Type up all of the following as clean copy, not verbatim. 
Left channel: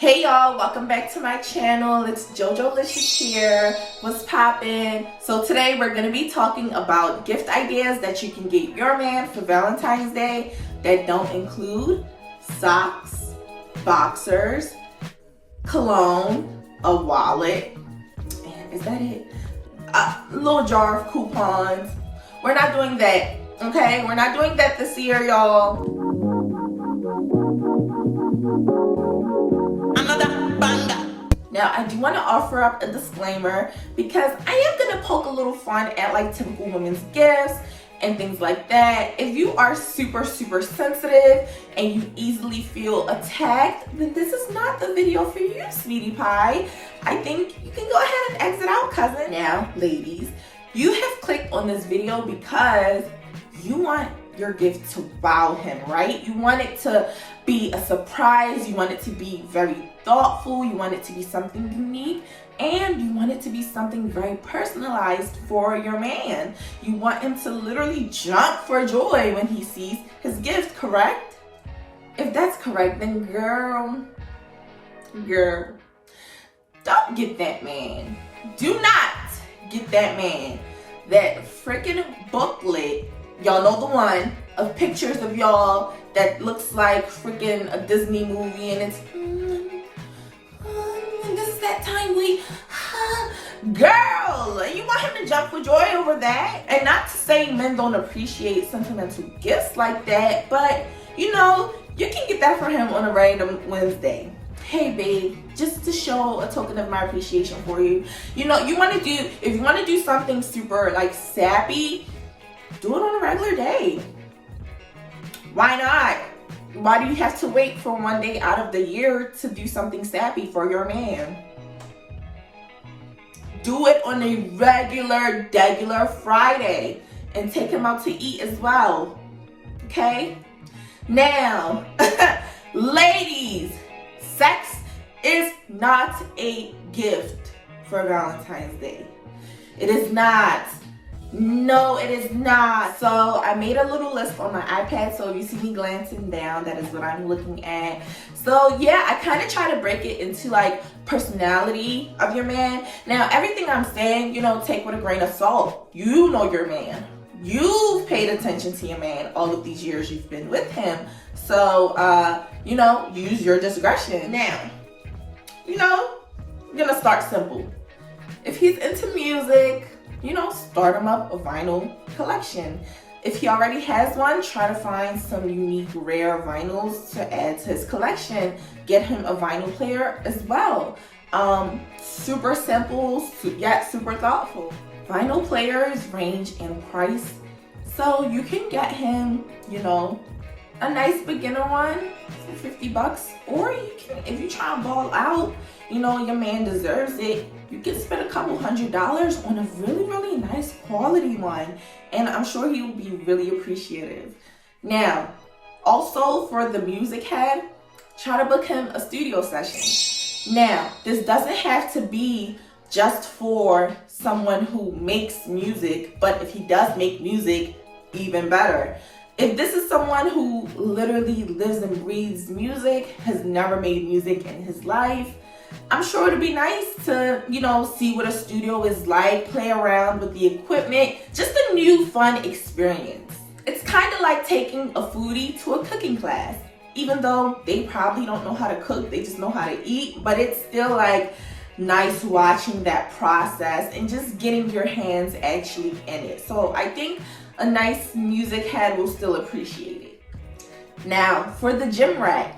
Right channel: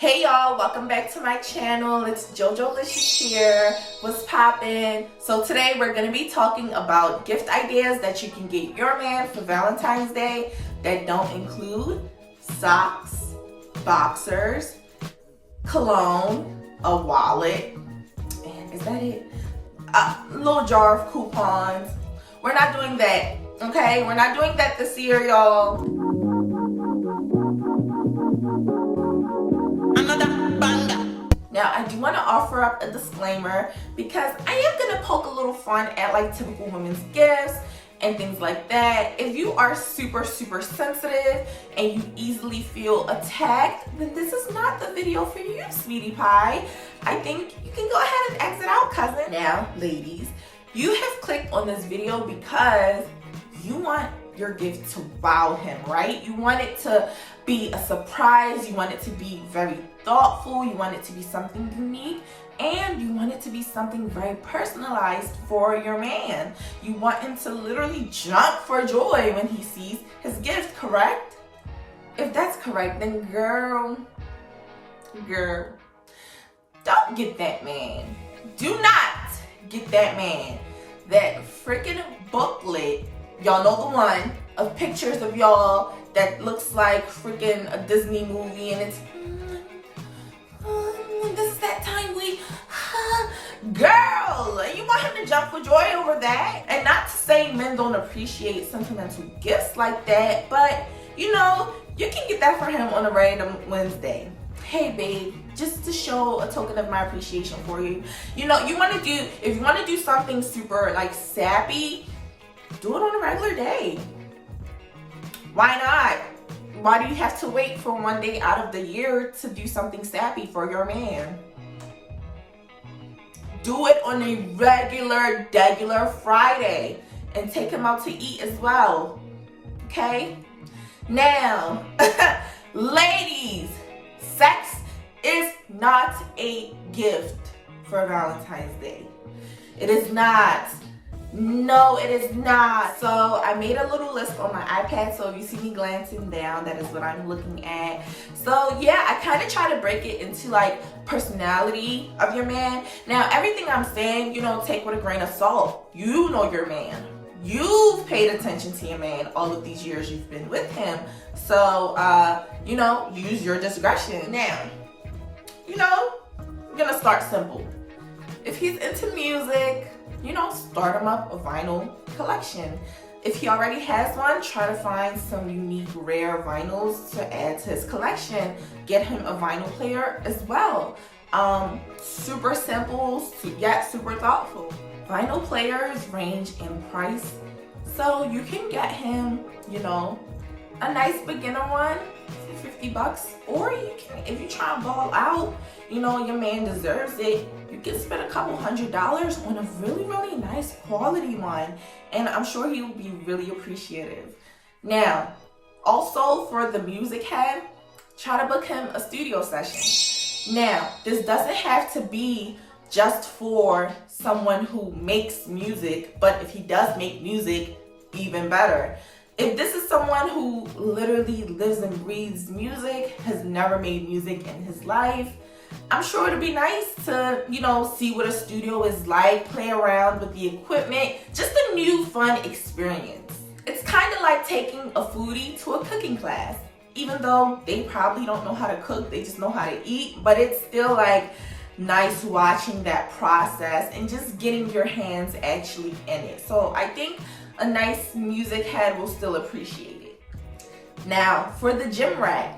Hey y'all, welcome back to my channel. It's JoJoLicious here. What's poppin'? So today we're gonna be talking about gift ideas that you can get your man for Valentine's Day that don't include socks, boxers, cologne, a wallet, and is that it? A little jar of coupons. We're not doing that, okay? We're not doing that this year, y'all. Now, I do want to offer up a disclaimer because I am going to poke a little fun at like typical women's gifts and things like that. If you are super sensitive and you easily feel attacked, then this is not the video for you, sweetie pie. I think you can go ahead and exit out, cousin. Now, ladies, you have clicked on this video because you want your gift to wow him, right? You want it to be a surprise, you want it to be very thoughtful, you want it to be something unique, and you want it to be something very personalized for your man. You want him to literally jump for joy when he sees his gift, correct? If that's correct, then girl, don't get that man. Do not get that man that freaking booklet. Y'all know the one of pictures of y'all that looks like freaking a Disney movie, and it's this is that time girl, you want him to jump for joy over that. And not to say men don't appreciate sentimental gifts like that, but you know, you can get that for him on a random Wednesday. Hey babe, just to show a token of my appreciation for you. You know, if you want to do something super like sappy, do it on a regular day. Why not? Why do you have to wait for one day out of the year to do something sappy for your man? Do it on a regular Friday and take him out to eat as well. Okay? Now, ladies, sex is not a gift for Valentine's Day. It is not. No, it is not. So I made a little list on my iPad, so if you see me glancing down, that is what I'm looking at. So yeah, I kind of try to break it into like personality of your man. Now, everything I'm saying, you know, take with a grain of salt. You know your man. You've paid attention to your man all of these years you've been with him. So, you know, use your discretion. Now, you know, I'm gonna start simple. If he's into music, you know, start him up a vinyl collection. If he already has one, try to find some unique, rare vinyls to add to his collection. Get him a vinyl player as well. Super simple, yet super thoughtful. Vinyl players range in price, so you can get him, you know, a nice beginner one for 50 bucks, or you can, if you try and ball out, you know, your man deserves it, you can spend a couple $100s on a really nice quality one, and I'm sure he will be really appreciative. Now, also for the music head, try to book him a studio session. Now, this doesn't have to be just for someone who makes music, but if he does make music, even better. If this is someone who literally lives and breathes music, has never made music in his life, I'm sure it'd be nice to, you know, see what a studio is like, play around with the equipment, just a new fun experience. It's kind of like taking a foodie to a cooking class. Even though they probably don't know how to cook, they just know how to eat, but it's still like nice watching that process and just getting your hands actually in it. So I think a nice music head will still appreciate it. Now, for the gym rat,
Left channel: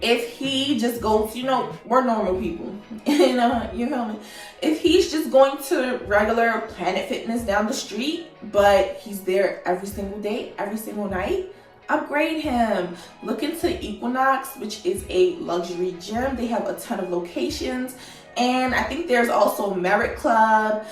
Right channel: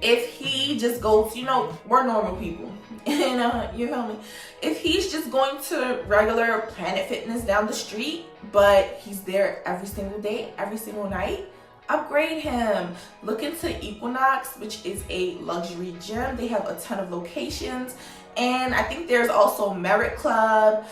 if he just goes, you know, we're normal people, you know, you feel me? If he's just going to regular Planet Fitness down the street, but he's there every single day, every single night, upgrade him. Look into Equinox, which is a luxury gym. They have a ton of locations, and I think there's also Merit Club.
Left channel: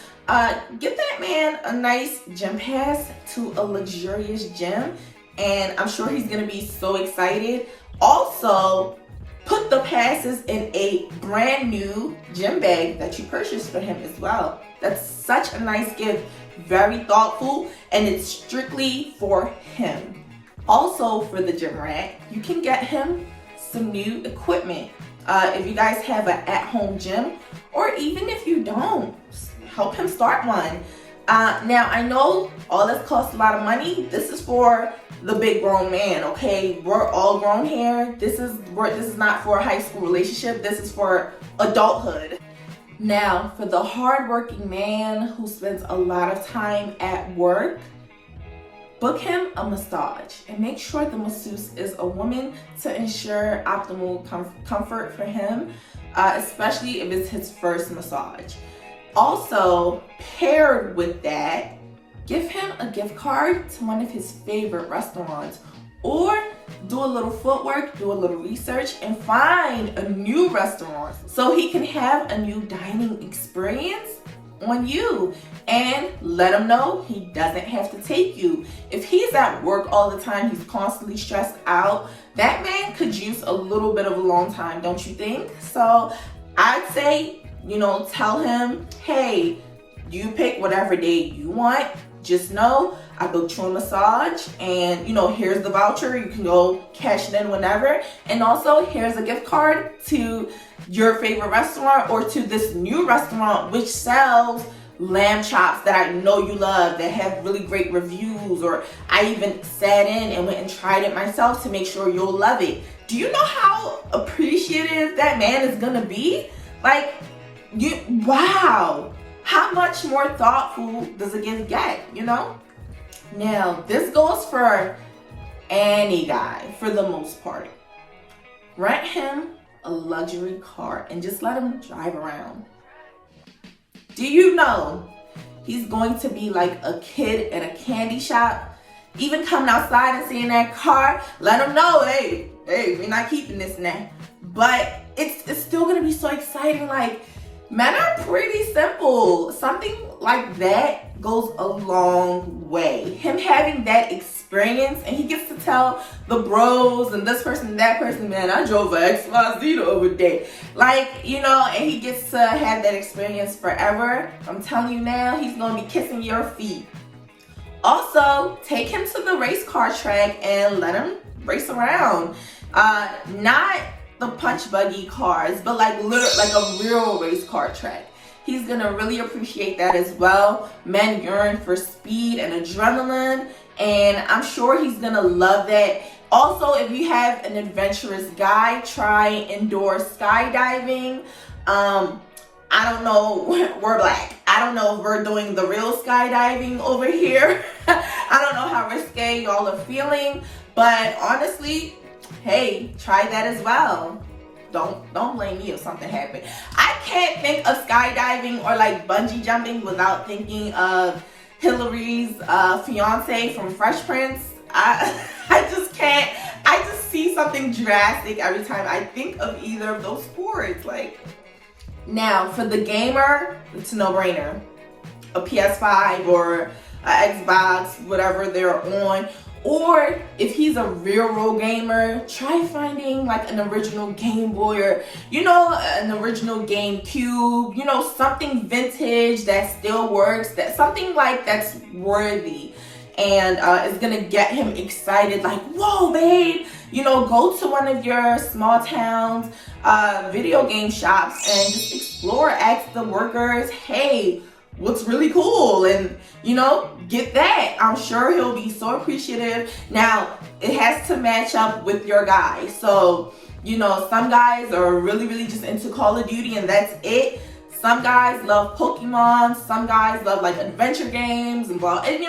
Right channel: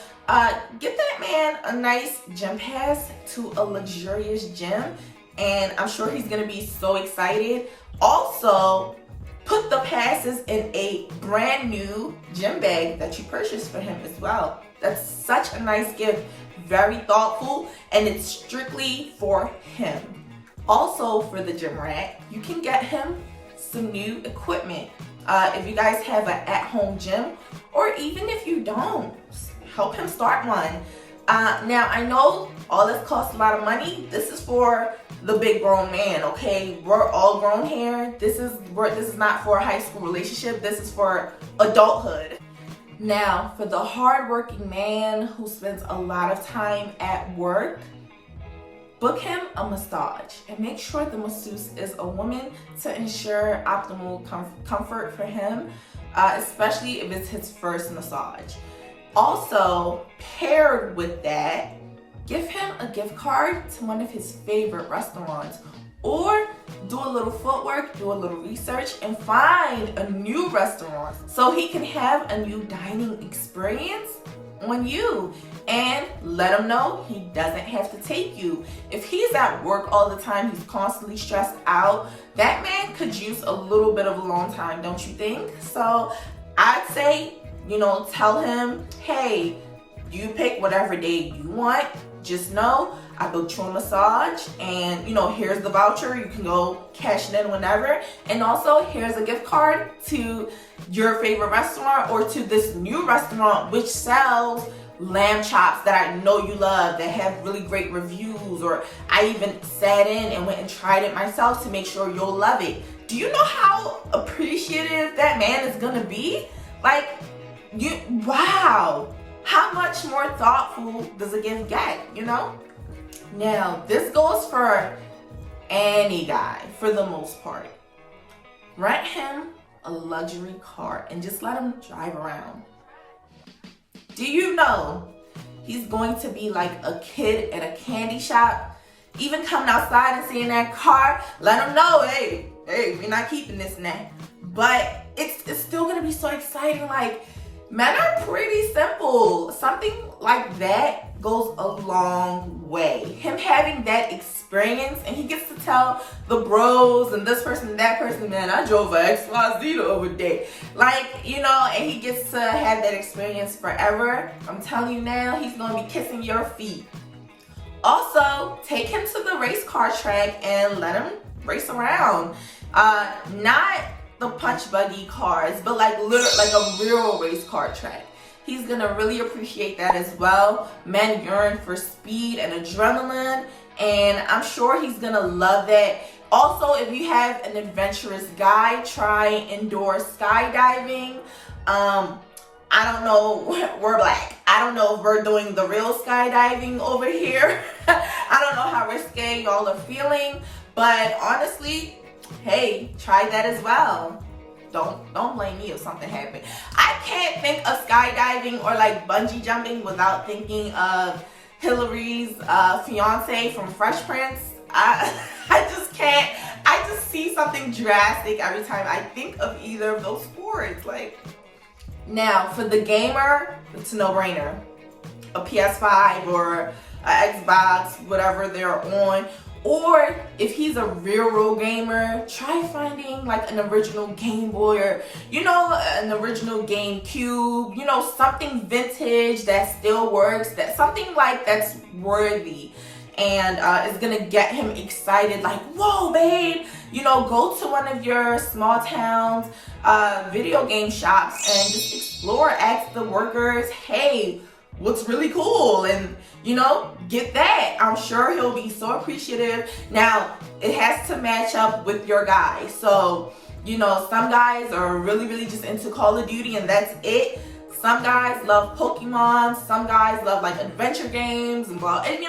Get that man a nice gym pass to a luxurious gym, and I'm sure he's gonna be so excited. Also, put the passes in a brand new gym bag that you purchased for him as well. That's such a nice gift, very thoughtful, and it's strictly for him. Also, for the gym rat, you can get him some new equipment. If you guys have an at-home gym, or even if you don't, help him start one. Now, I know all this costs a lot of money. This is for the big grown man, okay? We're all grown here. This is not for a high school relationship. This is for adulthood. Now, for the hardworking man who spends a lot of time at work, book him a massage and make sure the masseuse is a woman to ensure optimal comfort for him, especially if it's his first massage. Also, paired with that, give him a gift card to one of his favorite restaurants, or do a little footwork, do a little research, and find a new restaurant so he can have a new dining experience on you, and let him know he doesn't have to take you. If he's at work all the time, he's constantly stressed out, that man could use a little bit of alone time, don't you think? So I'd say, tell him, hey, you pick whatever day you want. Just know I booked you a massage, and here's the voucher. You can go cash it in whenever. And also, here's a gift card to your favorite restaurant, or to this new restaurant which sells lamb chops that I know you love, that have really great reviews, or I even sat in and went and tried it myself to make sure you'll love it. Do you know how appreciative that man is gonna be? Wow, how much more thoughtful does a gift get, Now, this goes for any guy for the most part. Rent him a luxury car and just let him drive around. Do you know he's going to be like a kid at a candy shop? Even coming outside and seeing that car, let him know, hey, we're not keeping this now. But it's still gonna be so exciting. Men are pretty simple. Something like that goes a long way. Him having that experience, and he gets to tell the bros and this person and that person, man, I drove a XYZ the other day. And he gets to have that experience forever. I'm telling you now, he's gonna be kissing your feet. Also, take him to the race car track and let him race around. Not the punch buggy cars, but like a real race car track. He's gonna really appreciate that as well. Men yearn for speed and adrenaline, and I'm sure he's gonna love that. Also, if you have an adventurous guy, try indoor skydiving. I don't know, we're black. I don't know if we're doing the real skydiving over here. I don't know how risque y'all are feeling, but honestly, hey, try that as well. Don't blame me if something happened. I can't think of skydiving or bungee jumping without thinking of Hillary's fiance from Fresh Prince. I just can't. I just see something drastic every time I think of either of those sports. Now, for the gamer, it's a no-brainer. A PS5 or an Xbox, whatever they're on. Or if he's a real gamer, try finding an original Game Boy, or an original GameCube, something vintage that still works, something that's worthy, and is gonna get him excited. Whoa, babe, go to one of your small towns video game shops and just explore. Ask the workers, hey, what's really cool, and get that. I'm sure he'll be so appreciative. Now, it has to match up with your guy. So some guys are really just into Call of Duty and that's it. Some guys love Pokemon, some guys love adventure games and blah, and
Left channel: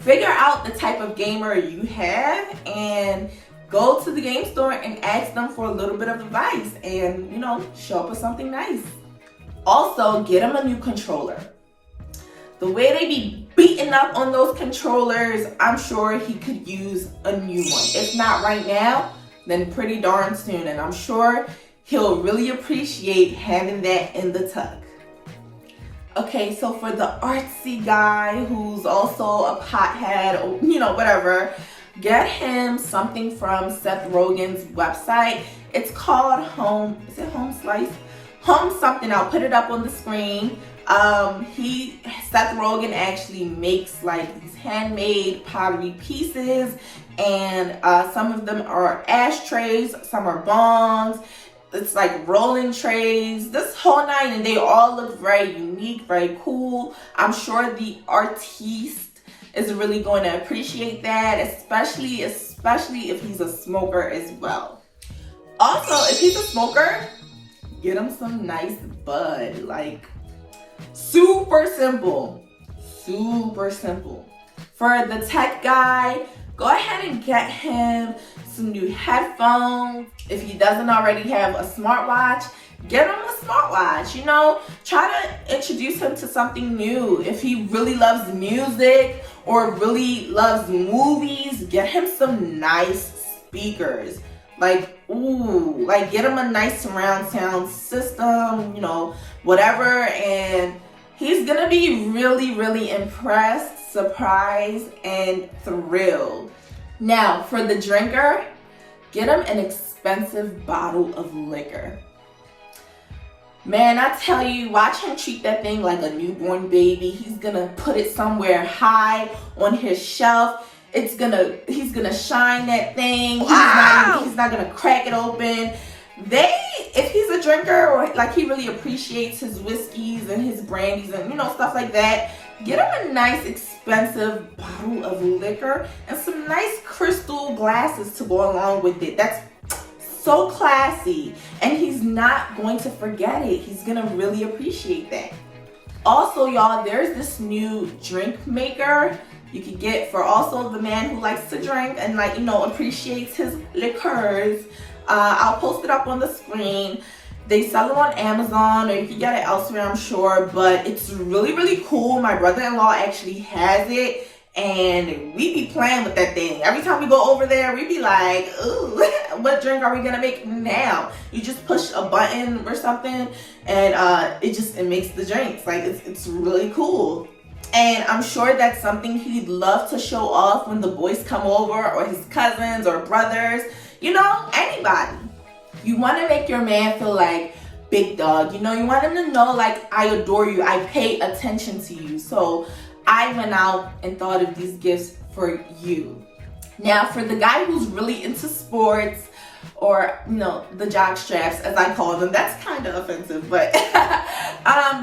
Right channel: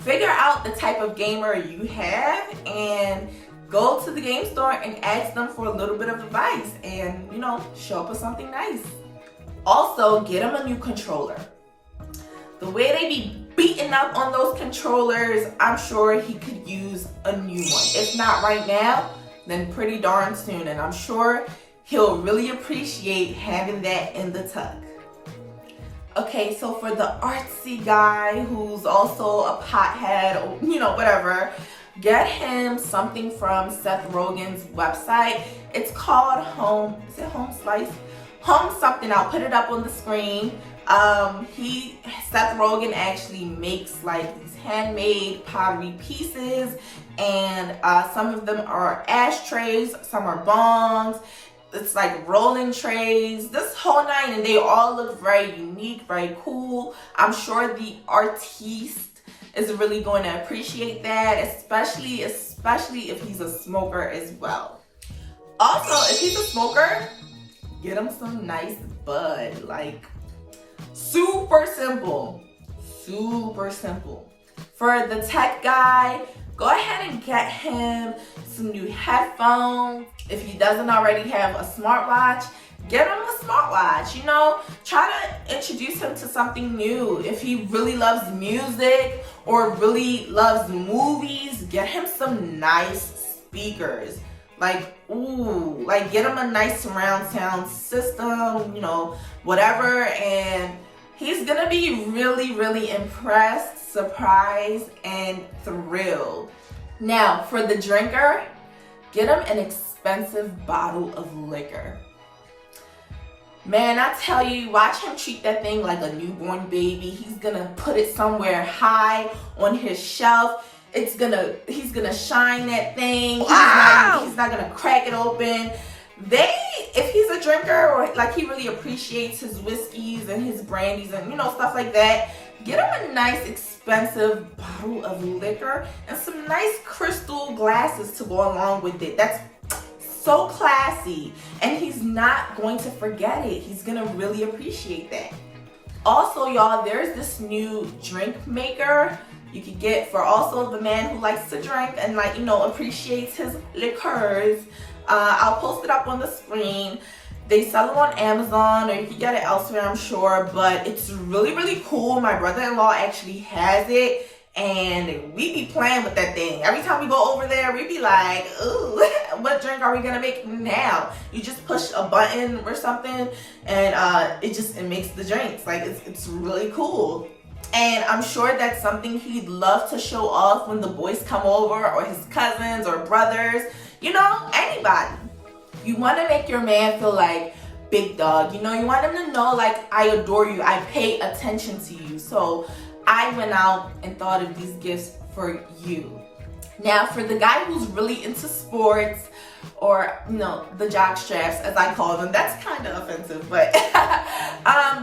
figure out the type of gamer you have and go to the game store and ask them for a little bit of advice, and show up with something nice. Also, get him a new controller. The way they be beating up on those controllers, I'm sure he could use a new one. If not right now, then pretty darn soon. And I'm sure he'll really appreciate having that in the tuck. Okay, so for the artsy guy who's also a pothead, or, whatever, get him something from Seth Rogen's website. It's called Home Slice? Home something. I'll put it up on the screen. Seth Rogen actually makes these handmade pottery pieces, and some of them are ashtrays, some are bongs, It's like rolling trays, this whole nine, and they all look very unique, very cool. I'm sure the artiste is really going to appreciate that, especially if he's a smoker as well. Also, if he's a smoker, get him some nice bud. Like, super simple. Super simple. For the tech guy, go ahead and get him some new headphones. If he doesn't already have a smartwatch, get him a smartwatch. You know, try to introduce him to something new. If he really loves music or really loves movies, get him some nice speakers. Like, ooh, like get him a nice surround sound system, you know, whatever. And he's gonna be really, really impressed, surprised, and thrilled. Now, for the drinker, get him an expensive bottle of liquor. Man, I tell you, watch him treat that thing like a newborn baby. He's gonna put it somewhere high on his shelf. He's gonna shine that thing. Wow. He's not gonna crack it open. If he's a drinker, or like he really appreciates his whiskeys and his brandies and, you know, stuff like that, get him a nice expensive bottle of liquor and some nice crystal glasses to go along with it. That's so classy, and he's not going to forget it. He's gonna really appreciate that. Also, y'all, there's this new drink maker you can get for also the man who likes to drink and, like, you know, appreciates his liqueurs. I'll post it up on the screen. They sell it on Amazon, or you can get it elsewhere, I'm sure, but it's really, really cool. My brother-in-law actually has it, and we be playing with that thing. Every time we go over there, we be like, ooh, what drink are we gonna make now? You just push a button or something, and it makes the drinks. Like, it's really cool. And I'm sure that's something he'd love to show off when the boys come over, or his cousins or brothers, you know, anybody. You want to make your man feel like big dog. You know, you want him to know, like, I adore you, I pay attention to you. So I went out and thought of these gifts for you. Now, for the guy who's really into sports, or, you know, the jock straps, as I call them, that's kind of offensive, but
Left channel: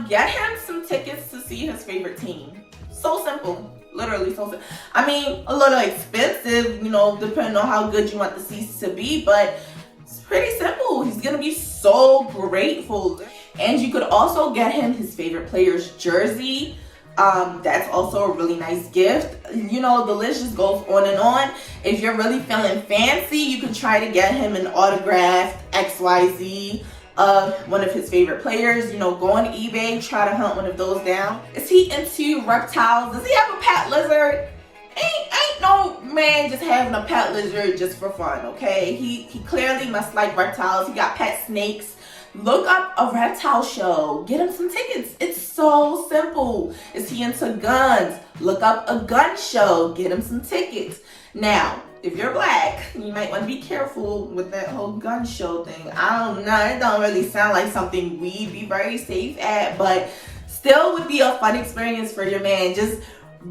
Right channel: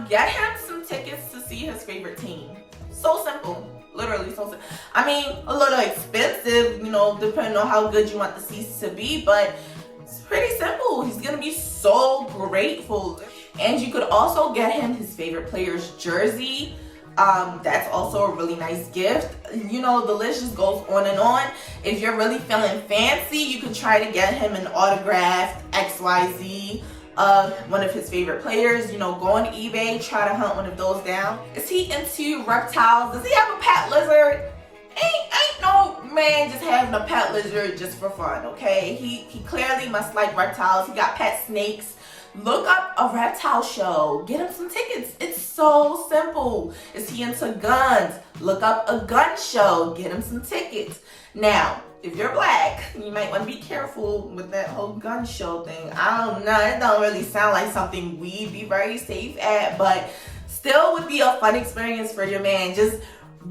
get him some tickets to see his favorite team. So simple. Literally so simple. I mean, a little expensive, you know, depending on how good you want the seats to be, but it's pretty simple. He's gonna be so grateful. And you could also get him his favorite player's jersey. That's also a really nice gift. You know, the list just goes on and on. If you're really feeling fancy, you can try to get him an autographed XYZ of one of his favorite players. You know, go on eBay, try to hunt one of those down. Is he into reptiles? Does he have a pet lizard? Ain't no man just having a pet lizard just for fun, okay? He clearly must like reptiles. He got pet snakes. Look up a reptile show. Get him some tickets. It's so simple. Is he into guns? Look up a gun show. Get him some tickets. Now, if you're black, you might want to be careful with that whole gun show thing. I don't know. It don't really sound like something we'd be very safe at, but still would be a fun experience for your man. Just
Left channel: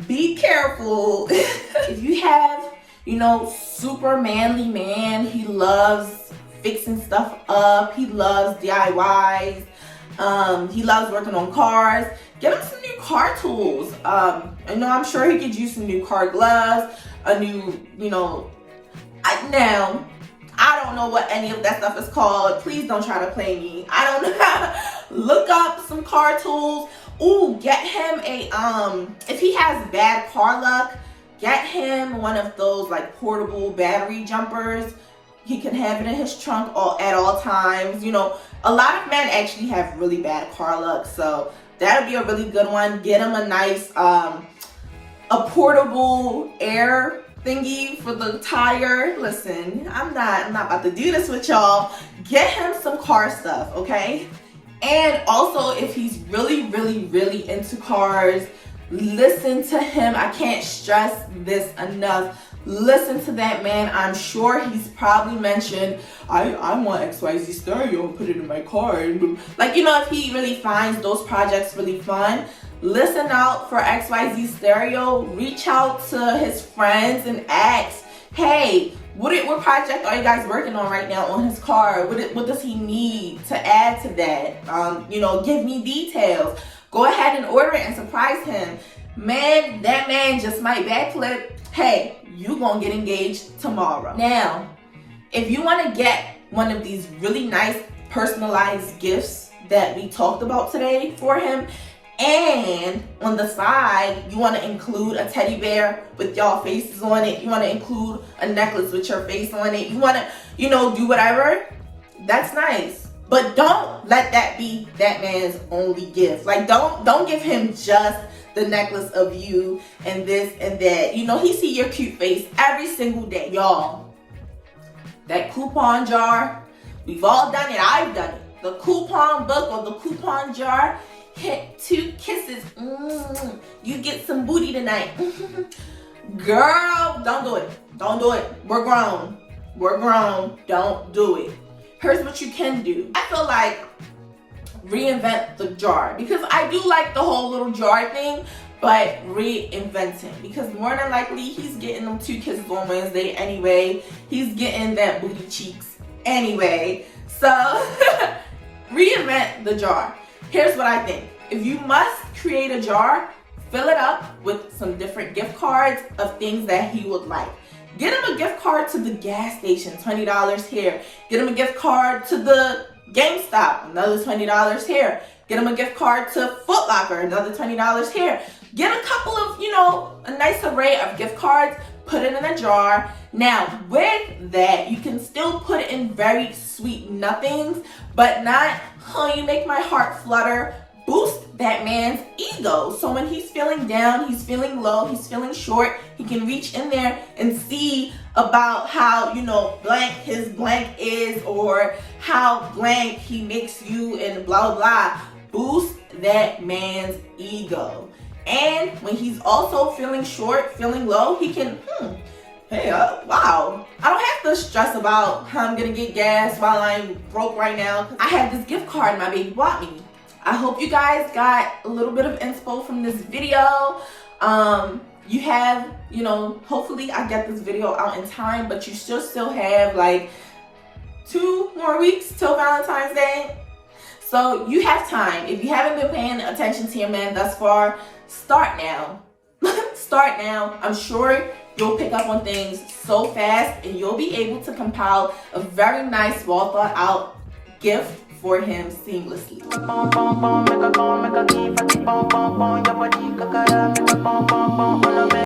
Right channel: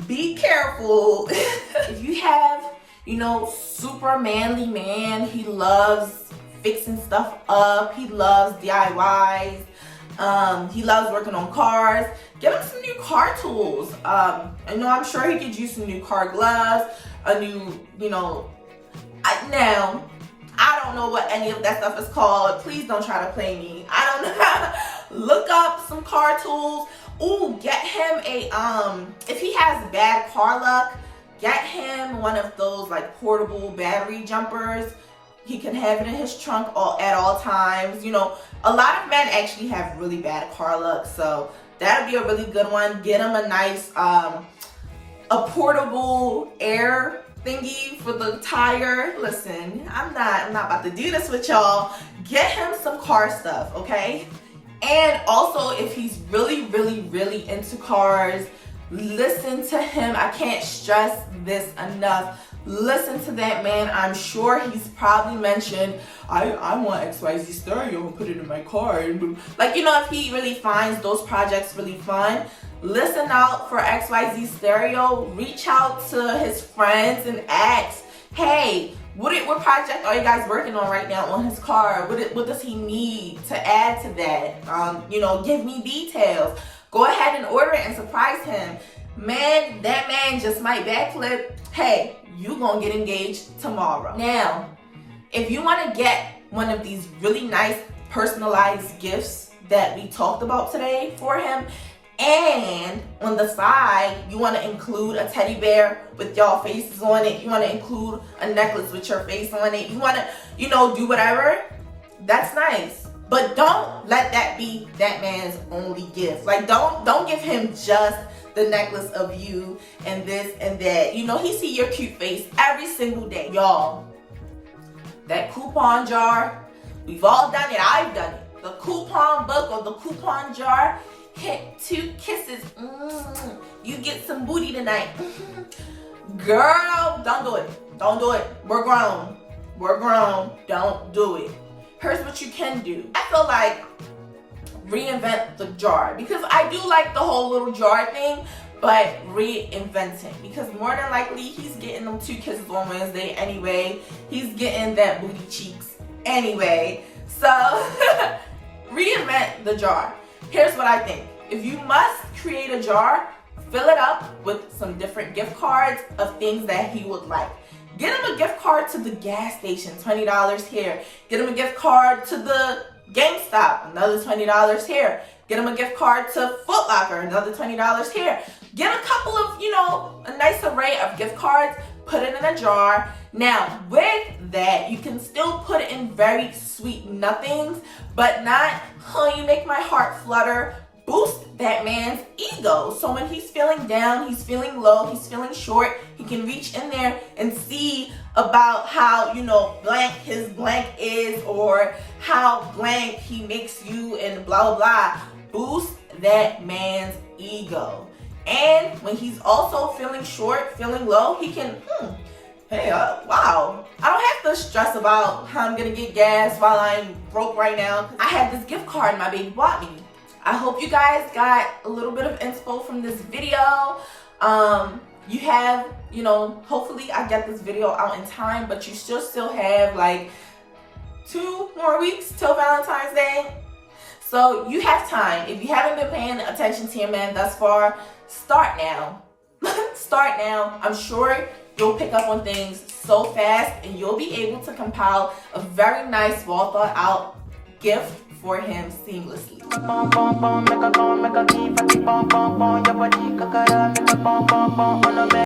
be careful. If you have, you know, super manly man, he loves fixing stuff up, he loves DIYs, he loves working on cars, get him some new car tools. I know, I'm sure he could use some new car gloves, a new, you know, now, I don't know what any of that stuff is called. Please don't try to play me. I don't know. Look up some car tools. Ooh, get him a, if he has bad car luck, get him one of those like portable battery jumpers. He can have it in his trunk at all times. You know, a lot of men actually have really bad car luck, so that'd be a really good one. Get him a nice, a portable air thingy for the tire. Listen, I'm not about to do this with y'all. Get him some car stuff, okay? And also, if he's really, really, really into cars, listen to him. I can't stress this enough. Listen to that man. I'm sure he's probably mentioned, I want XYZ stereo and put it in my car. Like, you know, if he really finds those projects really fun, listen out for XYZ stereo. Reach out to his friends and ask, hey, What project are you guys working on right now on his car? What does he need to add to that? You know, give me details. Go ahead and order it and surprise him. Man, that man just might backflip. Hey, you gonna get engaged tomorrow. Now, if you want to get one of these really nice personalized gifts that we talked about today for him, and on the side you want to include a teddy bear with y'all faces on it, you want to include a necklace with your face on it, you want to, you know, do whatever, that's nice. But don't let that be that man's only gift. Like, don't give him just the necklace of you and this and that. You know, he see your cute face every single day. Y'all, that coupon jar, we've all done it. I've done it. The coupon book or the coupon jar, hit 2 kisses. You get some booty tonight. Girl, don't do it. Don't do it. We're grown. We're grown. Don't do it. Here's what you can do. I feel like reinvent the jar, because I do like the whole little jar thing, but reinvent him, because more than likely he's getting them 2 kisses on Wednesday anyway. He's getting that booty cheeks anyway. So reinvent the jar. Here's what I think. If you must create a jar, fill it up with some different gift cards of things that he would like. Get him a gift card to the gas station, $20 here. Get him a gift card to the GameStop, another $20 here. Get him a gift card to Foot Locker, another $20 here. Get a couple of, you know, a nice array of gift cards, put it in a jar. Now, with that, you can still put it in very sweet nothings, but not, oh, you make my heart flutter. Boost that man's ego. So when he's feeling down, he's feeling low, he's feeling short, he can reach in there and see about how, you know, blank his blank is, or how blank he makes you, and blah, blah, blah. Boost that man's ego. And when he's also feeling short, feeling low, he can, hey, wow, I don't have to stress about how I'm gonna get gas while I'm broke right now. I have this gift card my baby bought me. I hope you guys got a little bit of inspo from this video. You have, you know, hopefully I get this video out in time, but you still have like 2 more weeks till Valentine's Day. So you have time. If you haven't been paying attention to your man thus far, start now. Start now. I'm sure you'll pick up on things so fast, and you'll be able to compile a very nice, well thought out gift for him seamlessly.